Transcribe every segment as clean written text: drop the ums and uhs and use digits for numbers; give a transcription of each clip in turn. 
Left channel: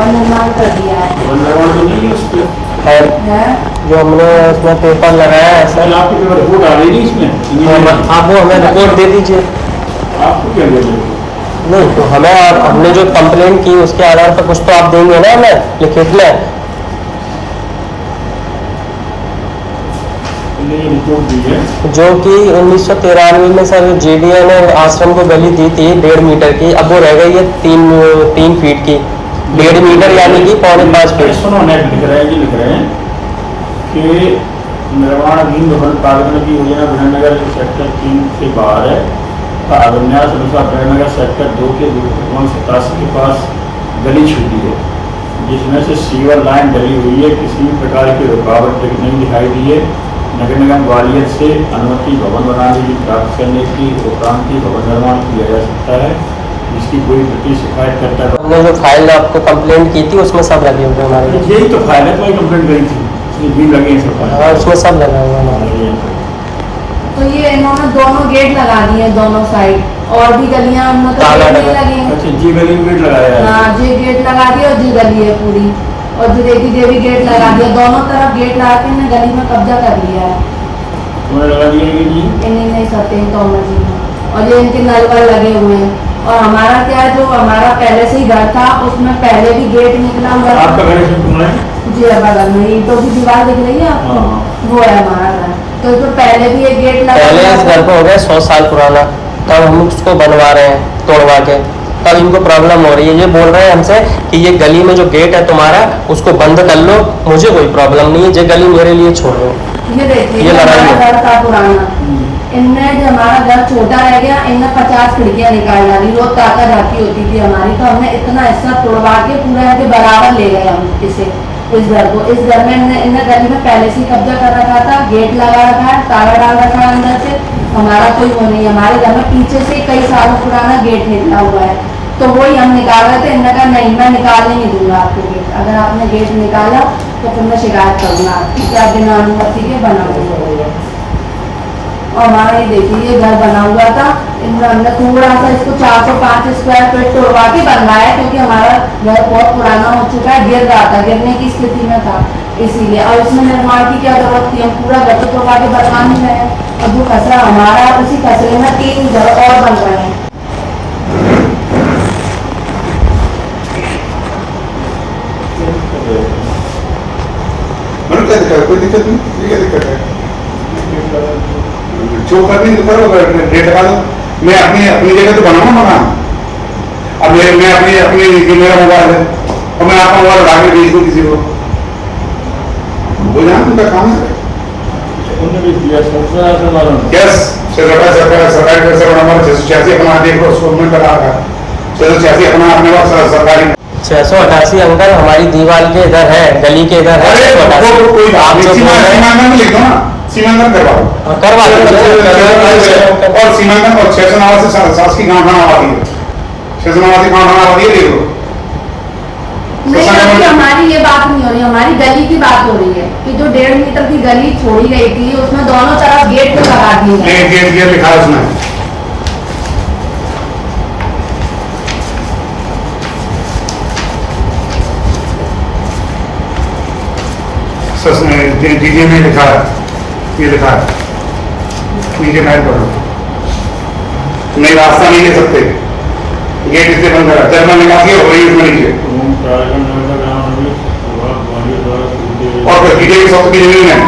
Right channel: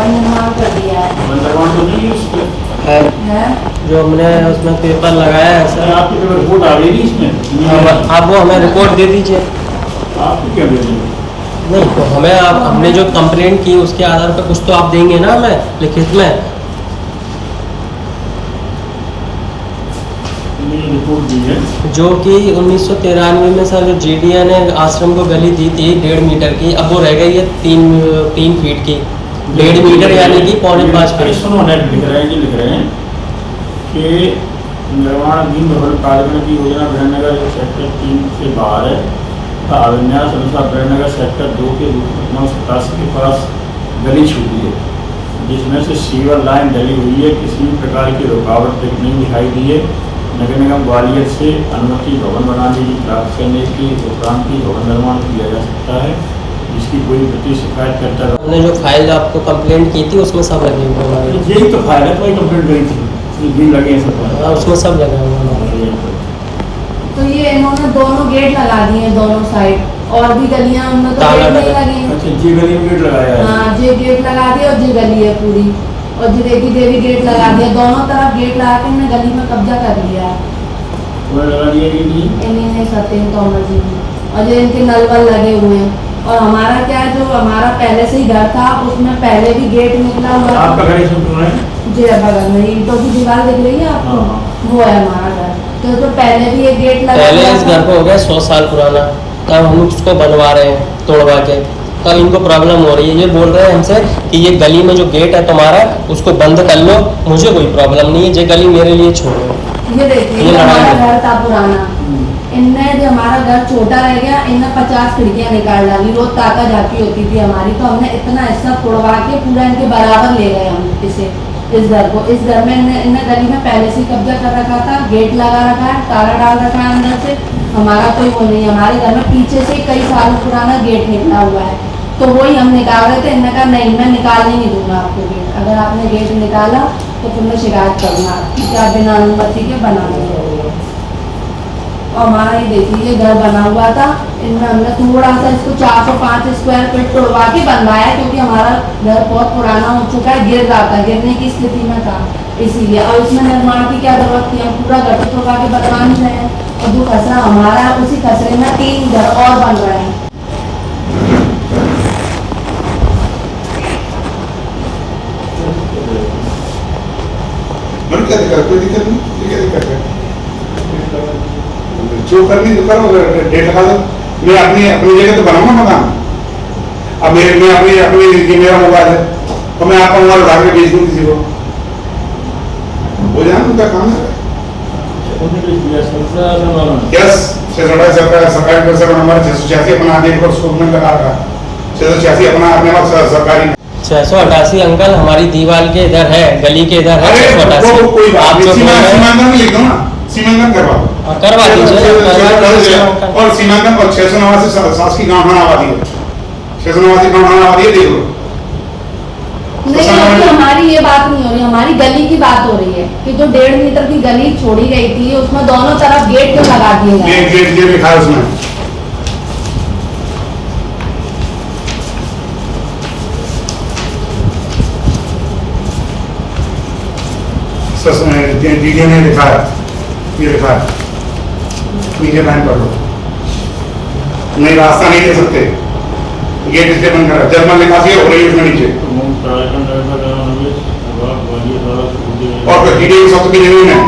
One निर्माण कर दिया है। वन निर्माण तो नहीं है उसमें है जो हमने इसमें पेपर लगाया है सर। आपकी जो रिपोर्ट आ रही है इसमें आप वो हमें रिपोर्ट दे दीजिए। आपको क्या बोल रहे नहीं तो हमें हमने जो कंप्लेंट की उसके आधार पर कुछ तो आप देंगे ना हमें लिखित में। रिपोर्ट दी है जो कि 1993 में सर JDA ने आश्रम को गली दी थी 1.5 मीटर की, अब वो रह गई है 3 फीट की। 1.5 मीटर यानी कि 4.5 फीट। सुनो नेट लिख रहे हैं कि निर्माणाधीन भवन पालन की योजना विधाननगर सेक्टर 3 से बाहर है। अभिन्यास अनुसार विधाननगर सेक्टर 2 के 87 के पास गली छूटी है, जिसमें से सीवर लाइन डली हुई है। किसी प्रकार की रुकावट नहीं दिखाई दी है। नगर निगम ग्वालियर से अनुमति भवन बनाने की प्राप्त करने की उपरांत की भवन निर्माण किया जा सकता है, जिसकी कोई प्रति शिकायत करता है। हमने जो फाइल आपको कंप्लेंट की थी उसमें सब लगे हुए हमारे। यही तो फाइल है, तो कंप्लेंट करी थी, भी लगे हैं सब। हाँ उसमें सब लगा हुआ हमारे। तो ये इन्होंने दोनों गेट लगा दिए हैं दोनों साइड, और भी गलियां उनमें तो ताला गेट नहीं लगा। लगी हैं। अच्छा जी गली में गेट लगाया है। हाँ जी गेट लगा दिया और जी गली है पूरी, और जी देवी गेट लगा दिया। दोनों तरफ गेट लगा के इन्हें गली में कब्जा कर लिया है। उन्हें लगा दिया जी इन्हीं नहीं सत्येंद्र तोमर जी ने, और ये इनके नल वल लगे हुए हैं। और हमारा क्या है, जो हमारा पहले से ही घर था उसमें पहले भी गेट निकला हुआ था। आपका घर इसमें कौन है? जी बगल में ईंटों की दीवार दिख रही है आपको, वो है हमारा घर। तो इसमें पहले भी एक गेट लगा, पहले इस घर को हो गया 100 साल पुराना, तब हम उसको बनवा रहे हैं तोड़वा के, तब इनको प्रॉब्लम हो रही है। ये बोल रहे हैं हमसे कि ये गली में जो गेट है तुम्हारा उसको बंद कर लो, मुझे कोई प्रॉब्लम नहीं है, ये गली मेरे लिए छोड़ दो। ये देखिए ये लड़ाई हमारा है। घर था पुराना, इनने जो हमारा घर छोटा रह गया, इनने 50 खिड़कियां निकाल डाली। रोज ताका झाकी होती थी हमारी, तो हमने इतना हिस्सा तोड़वा के पूरा इनके बराबर ले गए हम इसे, इस घर को। इस घर में इनने गली में पहले से कब्जा कर रखा था, गेट लगा रखा है, ताला डाल रखा है अंदर से। हमारा कोई वो नहीं है, हमारे घर में पीछे से कई सालों पुराना गेट निकला हुआ है, तो वही हम निकाल रहे थे। इन्होंने कहा नहीं मैं निकालने नहीं दूंगा आपको गेट, अगर आपने गेट निकाला तो फिर मैं शिकायत करूंगा आपकी, क्या बिना अनुमति के बना हुआ। और हमारा ये देखिए घर बना हुआ था, इनमें हमने थोड़ा सा इसको 405 स्क्वायर फीट तोड़वा के बनवाया, क्योंकि हमारा घर बहुत पुराना हो चुका है, गिर रहा था, गिरने की स्थिति में था इसीलिए। और इसमें निर्माण की क्या जरूरत थी, हम पूरा घर तो तोड़वा के बनवा नहीं रहे हैं। और जो खसरा हमारा है उसी खसरे में 3 घर और बन रहे हैं। कोई दिक्कत नहीं, क्या दिक्कत है? जो करनी तो करो, डेट लगा दो। मैं अपनी जगह तो बनाऊंगा मकान। अब मैं अपनी मेरा मोबाइल है और मैं आपका मोबाइल उठा के भेज दूँ किसी को, हो जाए उनका काम है। यस सरकारी पैसा हमारे 686 अपना देखो उसको लगा रखा, 686 अपना अपने पास सरकारी 688 अंकल हमारी दीवार के इधर है, गली के इधर है 688। आप जो बोल रहे हैं सीमांकन करवाओ, करवा दीजिए। और सीमांकन और 689 सास की गांव आबादी है, 689 गांव आबादी है, देख लो। नहीं अभी हमारी ये बात नहीं हो रही, हमारी गली की बात हो रही है कि जो 1.5 मीटर की गली छोड़ी गई थी उसमें दोनों तरफ गेट तो लगा दिए गए। गेट लिखा है उसमें। डीजे में लिखा है, ये लिखा है नीचे टाइम पढ़ो। नहीं रास्ता नहीं ले सकते, गेट इसलिए बंद है, जर्मन निकासी हो रही है उसमें नीचे। और फिर डीजे की सख्त की जमीन है,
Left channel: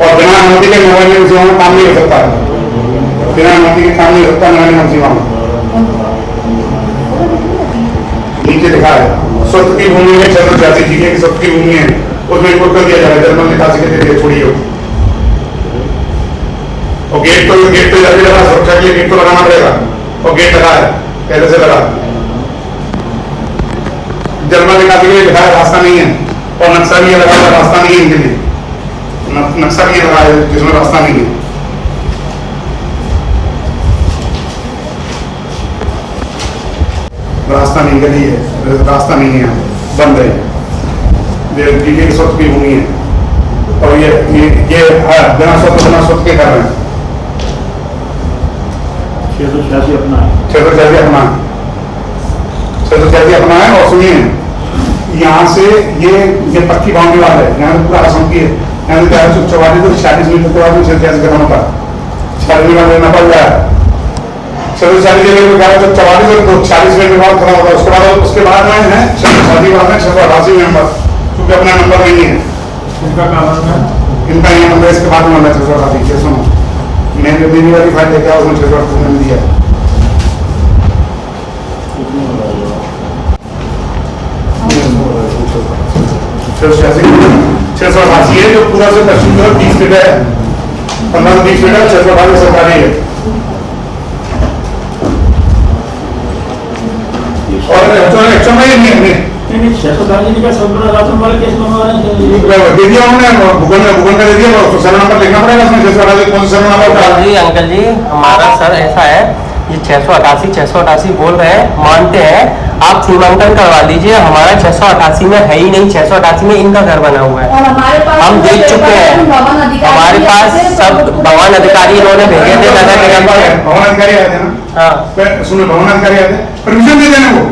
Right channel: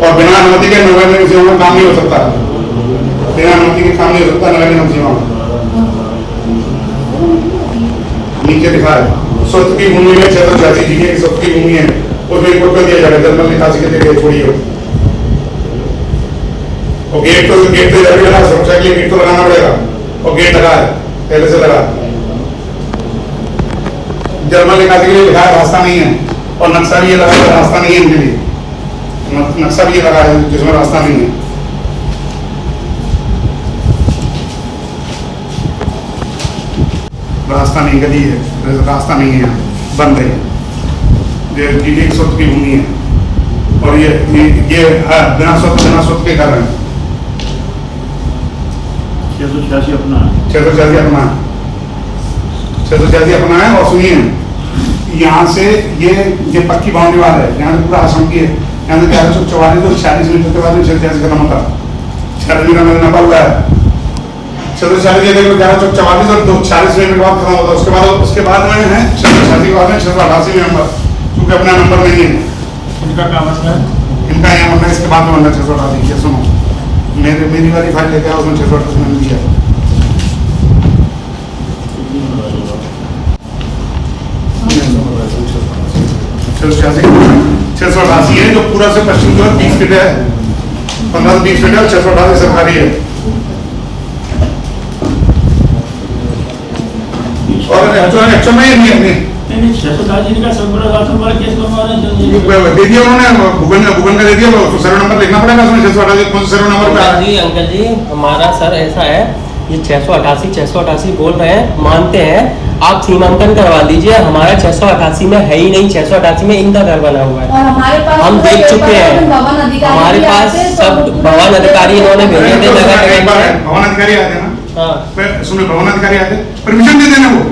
और बिना अनुमति के मोबाइल में सेवा में काम नहीं हो सकता है, बिना अनुमति के काम नहीं हो सकता नगर निगम सेवा में। नीचे लिखा है स्वत्व की भूमि में 686 जीने की स्वत्व की भूमि है, उसमें रिपोर्ट कर दिया जाएगा, जर्मन निकासी के लिए छोड़िए। और गेट तो जाके लगा, सुरक्षा के लिए गेट तो लगाना पड़ेगा, और गेट लगा है पहले से लगा। जर्मन निकासी के लिए लिखा है रास्ता नहीं है, और नक्शा भी लगा है रास्ता नहीं है इनके लिए, नक्शा भी लगा है जिसमें रास्ता नहीं है। रास्ता नहीं, गली है, रास्ता नहीं है, यहाँ बंद है, डीजे की स्वत्व की भूमि है, और ये बिना स्वत्व के कर रहे हैं। 686 अपना है। 686 अपना है, 686 अपना है। और सुनिए, यहाँ से ये पक्की बाउंड्री वाल है, यहाँ से पूरा असम की है। यहाँ से 1144 तो 46 मीटर के बाद 686 खत्म होता है, 46 मीटर लेना पड़ रहा है। 646 जगह 1144 और 46 मीटर के बाद खत्म होता है। उसके बाद में है 686 बाद में 688 नंबर, क्योंकि अपना नंबर नहीं है इनका काम है, इनका यहाँ नंबर, इसके बाद में नंबर 688। सुनो, मेरी वाली फाइल लेके आओ, उसमें 688 मैंने दिया। 688 है जो पूरा से पश्चिम की ओर 20 फीट है, 15-20 फीट है। 688 सरकारी है। और एक्शन में नहीं 686 का संपूर्ण राशन वाला केस बनवाना चाहिए। दे दिया उन्होंने, भूगोल का दे दिया, उसको सर्वे नंबर लिखना पड़ेगा उसमें। 688 कौन सा सर्वे नंबर का? अंकल जी हमारा सर ऐसा है, ये 688 बोल रहे हैं, मानते हैं, आप सीमांकन करवा लीजिए। हमारा 688 में है ही नहीं, 688 में इनका घर बना हुआ है। और हमारे पास हम देख चुके हैं, भवन अधिकारी हमारे भी पास आते हैं, सब कुछ भवन अधिकारी इन्होंने भेजे थे नगर निगम के। भवन अधिकारी आए थे ना? हाँ सुनो, भवन अधिकारी आते, परमिशन दे देना, वो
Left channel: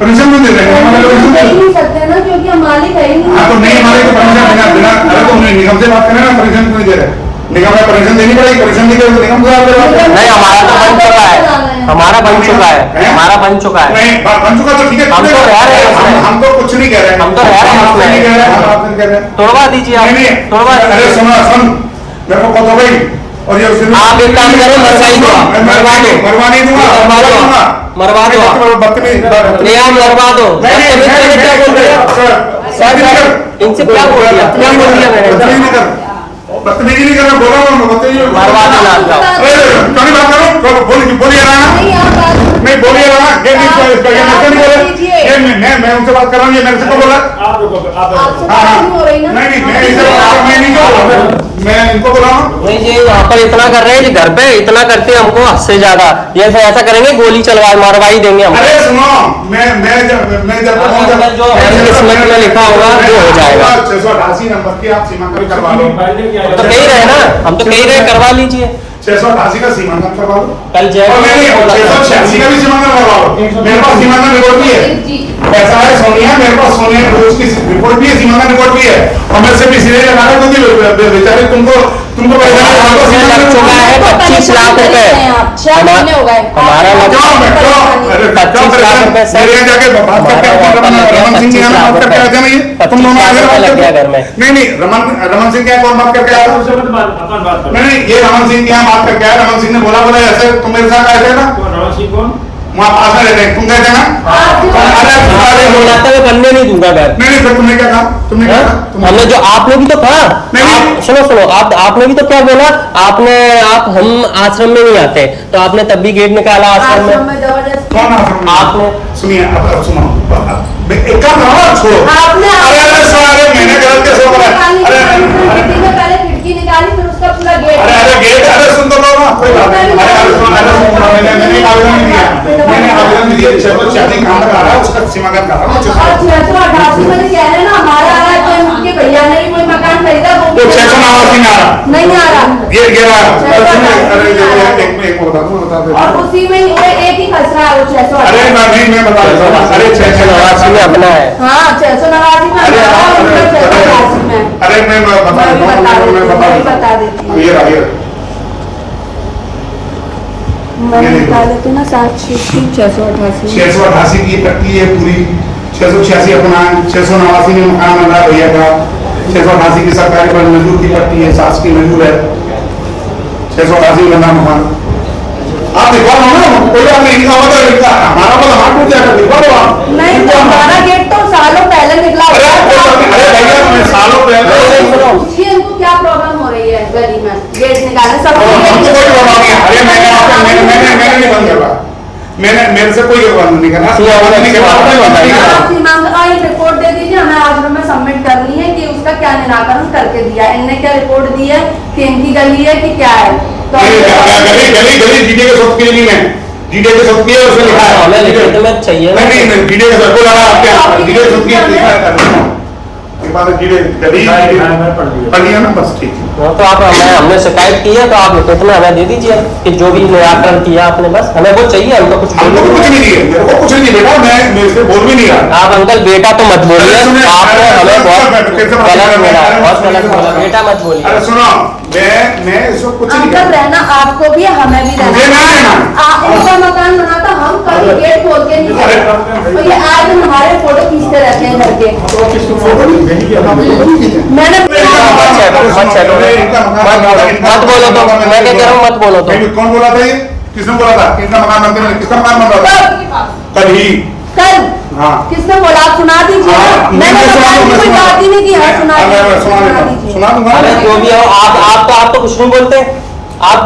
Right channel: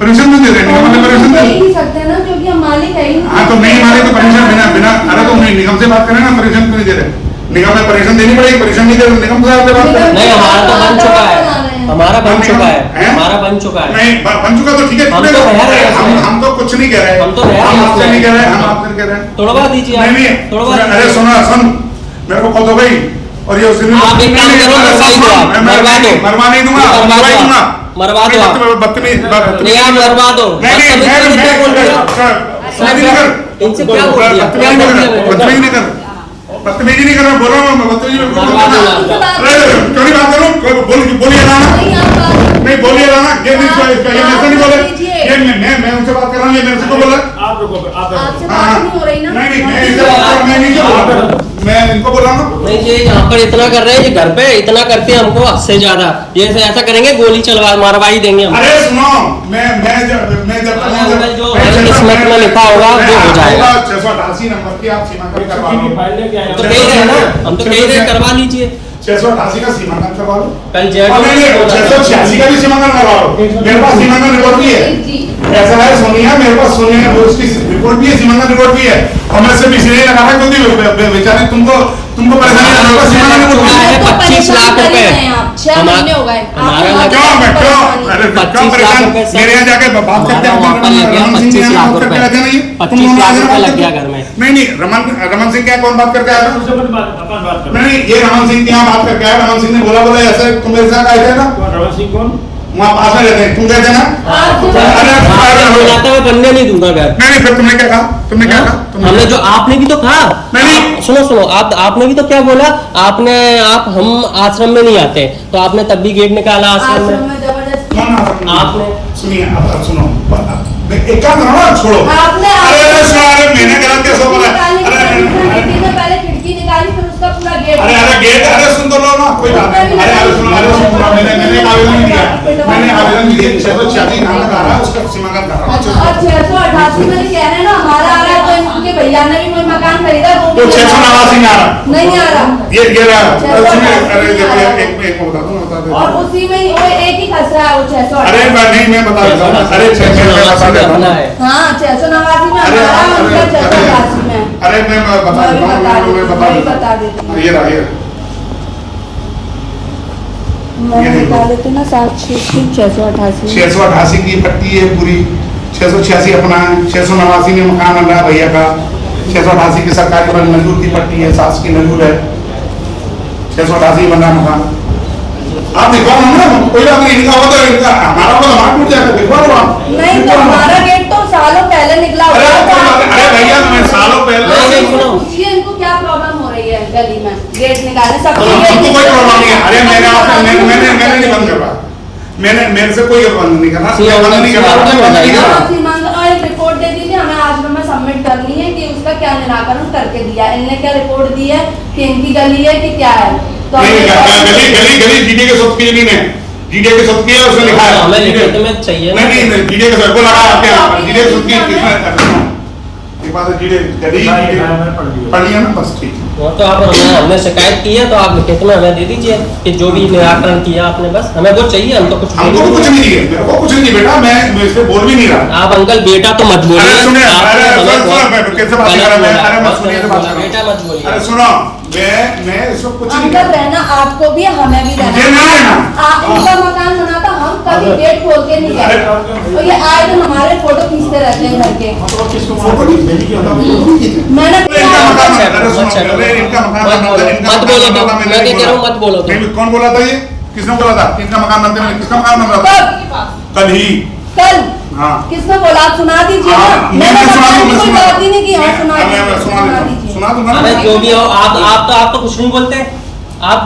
परमिशन में दे देंगे, परमिशन दे दे। ही नहीं सकते ना, क्योंकि हम मालिक है ही नहीं। हाँ तो नहीं हमारे तो परमिशन बिना, अरे तो निगम से बात करें ना, परमिशन क्यों नहीं दे रहे? निगम में परमिशन देनी पड़ेगी, परमिशन नहीं दे रहे तो निगम से बात करें। नहीं, हमारा तो बन चुका है, हमारा बन चुका है, हमारा बन चुका है। नहीं बन चुका तो ठीक है, हम तो रह रहे हैं, हम तो कुछ नहीं कह रहे, हम तो रह रहे हैं, हम आपसे नहीं कह रहे, हम आपसे नहीं कह रहे। तोड़वा दीजिए आप, नहीं तोड़वा नहीं, अरे सुनो मेरे को कहो भाई, और ये उस दिन आप एक काम करो, मरवा ही दो, मरवा दो, मरवा नहीं दूंगा, मरवा दो आप, बदतमीज नहीं आप मरवा दो। बदतमीज क्या बोल रहे हैं सर? इनसे क्या बोल दिया, क्या बोल दिया मैंने? बदतमीजी नहीं करना, बोला मैं बदतमीजी मरवा दो आप। अरे क्यों नहीं बात करूं? बोलिए ना, नहीं, आप बात नहीं बोलिए ना, ये नहीं बोले, ये मैं उनसे बात कर रहा हूँ, ये मेरे से को बोला। आप लोगों को आप आपसे बात नहीं हो रही ना। नहीं मैं इनसे बात कर, मैं नहीं बोला, मैं इनको बोला हूँ। नहीं जी, यहाँ पर इतना कर रहे हैं, घर पे इतना करते हैं हमको हद से ज्यादा। ये ऐसा करेंगे, गोली चलवा मरवा ही देंगे हम। अरे सुनो, मैं जब जो किस्मत में लिखा होगा वो हो जाएगा। 688 नंबर की आप सीमांकन करवा लो। तो कह रहे हैं ना, हम तो कह रहे हैं करवा लीजिए। 688 का सीमांकन करवा लो। कल जेठ और नहीं 686 का भी सीमांकन करवा लो। मेरे पास सीमांकन रिपोर्ट भी है, ऐसा है सोनिया, मेरे पास सोनिया उसकी रिपोर्ट भी है, सीमांकन रिपोर्ट भी है। और मैं सिर्फ इसलिए लगा रहा हूं क्योंकि बेचारे तुमको परेशानी है। 25 लाख रुपए 6 महीने हो गए। हमारा लगा 25 लाख रुपए सर। मेरे यहाँ जाके बात करके रमन सिंह यहाँ बात करके आए थे ना, ये तुम दोनों आगे बात लग गया करके। घर में। नहीं रमन सिंह क्या कौन बात करके आया? अपन बात करो। नहीं ये रमन सिंह यहाँ बात करके आया। रमन सिंह ने बोला ऐसे तुम मेरे साथ आए थे ना, रमन सिंह कौन? वहाँ पास में रहते हैं, तुम गए थे ना? मिलाता मैं बनने नहीं दूंगा घर। नहीं फिर तुमने क्या कहा? तुमने क्या कहा? हमने जो आपने भी तो कहा, नहीं। सुनो आपने भी तो क्या बोला, हम आश्रम में नहीं आते, तो आपने तब भी गेट निकाला आश्रम में। कौन आश्रम? आपने सुनिए, अब सुनो, एक काम करो ना, छोड़ो। आपने अरे सुनो, अरे मैंने गलत कैसे बोला? अरे पहले खिड़की निकाली, फिर उसका पूरा गेट। गेट, अरे सुन तो लो ना, कोई बात नहीं। अरे सुनो, मैंने आवेदन नहीं दिया, मैंने आवेदन नहीं दिया। 686 कहाँ तक आ रहा है उसका सीमांकन कर रहा हूँ। 688 में कह रहे हैं ना, हमारा आ रहा है, कोई उनके भैया ने कोई मकान खरीदा, वो तो 689 में आ रहा, नहीं आ रहा। ये रहा। अरे देखो एक बता दूं, बता दे। और उसी में वो एक ही फंस रहा है, वो 688। अरे मैं बता देता हूँ। अरे 689 में अपना है। हाँ 689 में हमारा है, उनका 688 में। अरे मैं बता देता हूँ, मैं बता देती हूँ। ये रहा। मैं बता देती हूँ ना, 688 688 की पट्टी है पूरी। 686 अपना है, 689 में मकान बन रहा है भैया का। 688 की सरकारी पर मजदूर की पट्टी है, सास की मजदूर है। 688 बन रहा मकान। आप दिखवा लो ना, कोई बात नहीं, लिखा हुआ तो हमारा को हाथ टूट जाएगा, दिखवा लो आप। नहीं तो हमारा गेट तो सालों पहले निकला हुआ अरे है। भैया मैं सालों पहले पूछिए इनको क्या प्रॉब्लम हो रही है गली में, गेट निकालने सब। हमको कोई प्रॉब्लम नहीं है। अरे मैंने नहीं बंद करवाया, मैंने मेरे से कोई बंद नहीं करना, नहीं करना। आप सीमांकन एक रिपोर्ट दे दीजिए, हमें आश्रम में सबमिट करनी है कि उसका क्या निराकरण करके दिया है। इनने क्या रिपोर्ट दी है कि इनकी गली है कि क्या है? तो गली जीटे के सब की जमीन है, जीटे के सब की है, उसमें लिखा है। हमें लिखित में चाहिए ना। नहीं जीटे के सब को लगा आपके यहाँ, जीटे के सब की ये बात जीड़े गली मैं पढ़ लिया। पढ़ लिया ना, बस ठीक है। हाँ, तो आप हमने शिकायत की है तो आप कितना हमें दे दीजिए कि जो भी निराकरण किया आपने, बस हमें वो चाहिए, हमको कुछ हमको तो कुछ नहीं दिए, मेरे को कुछ नहीं दिए बेटा, मैं इसमें बोल भी नहीं रहा। आप अंकल बेटा तो मत बोलिए, अरे सुनिए, आपने अरे हमें सुनो, बहुत कैसे बात गलत कर रहे हैं? बोला, अरे मत बहुत सुनिए, गलत बात बोला, करो। बेटा मत बोलिए। अरे सुनो, मैं इसको कुछ नहीं अंकल कहता। रहना आपको भी हमें भी मुझे ना रहना। आप उनका मकान बनाता, हम कभी गेट खोल के नहीं अरे, गए। और ये आज दिन हमारे फोटो खींचते रहते हैं घर के। फोटो नहीं भेजी क्या? मैंने मत बोलो तो, मैं क्या कह रहा हूँ, मत बोलो तो। कौन बोला था ये? किसने बोला था कि इनका मकान बनते में किसका मकान बन रहा था? कल ही। कल हाँ। किसने बोला? आप सुना दीजिए हाँ, ना। मैं सुना दूं, मैं कोई सुना बात ही नहीं की। हाँ, सुना मैं दीजिए, सुना देता हूँ, दीजिए। सुना दूंगा। अरे जो भी हो, आप तो कुछ नहीं बोलते, आप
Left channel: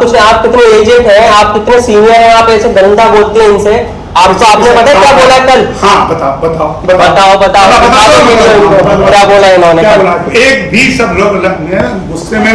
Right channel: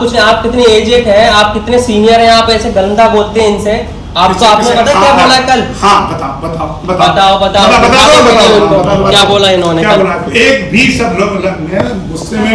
कितने एजेड हैं, आप कितने सीनियर हैं, आप ऐसे गंदा बोलते हैं इनसे। आपको आपने पता है क्या बोला कल? हाँ, बताओ बताओ क्या बोला इन्होंने क्या कल? बोला? एक भी सब लोग गुस्से में भी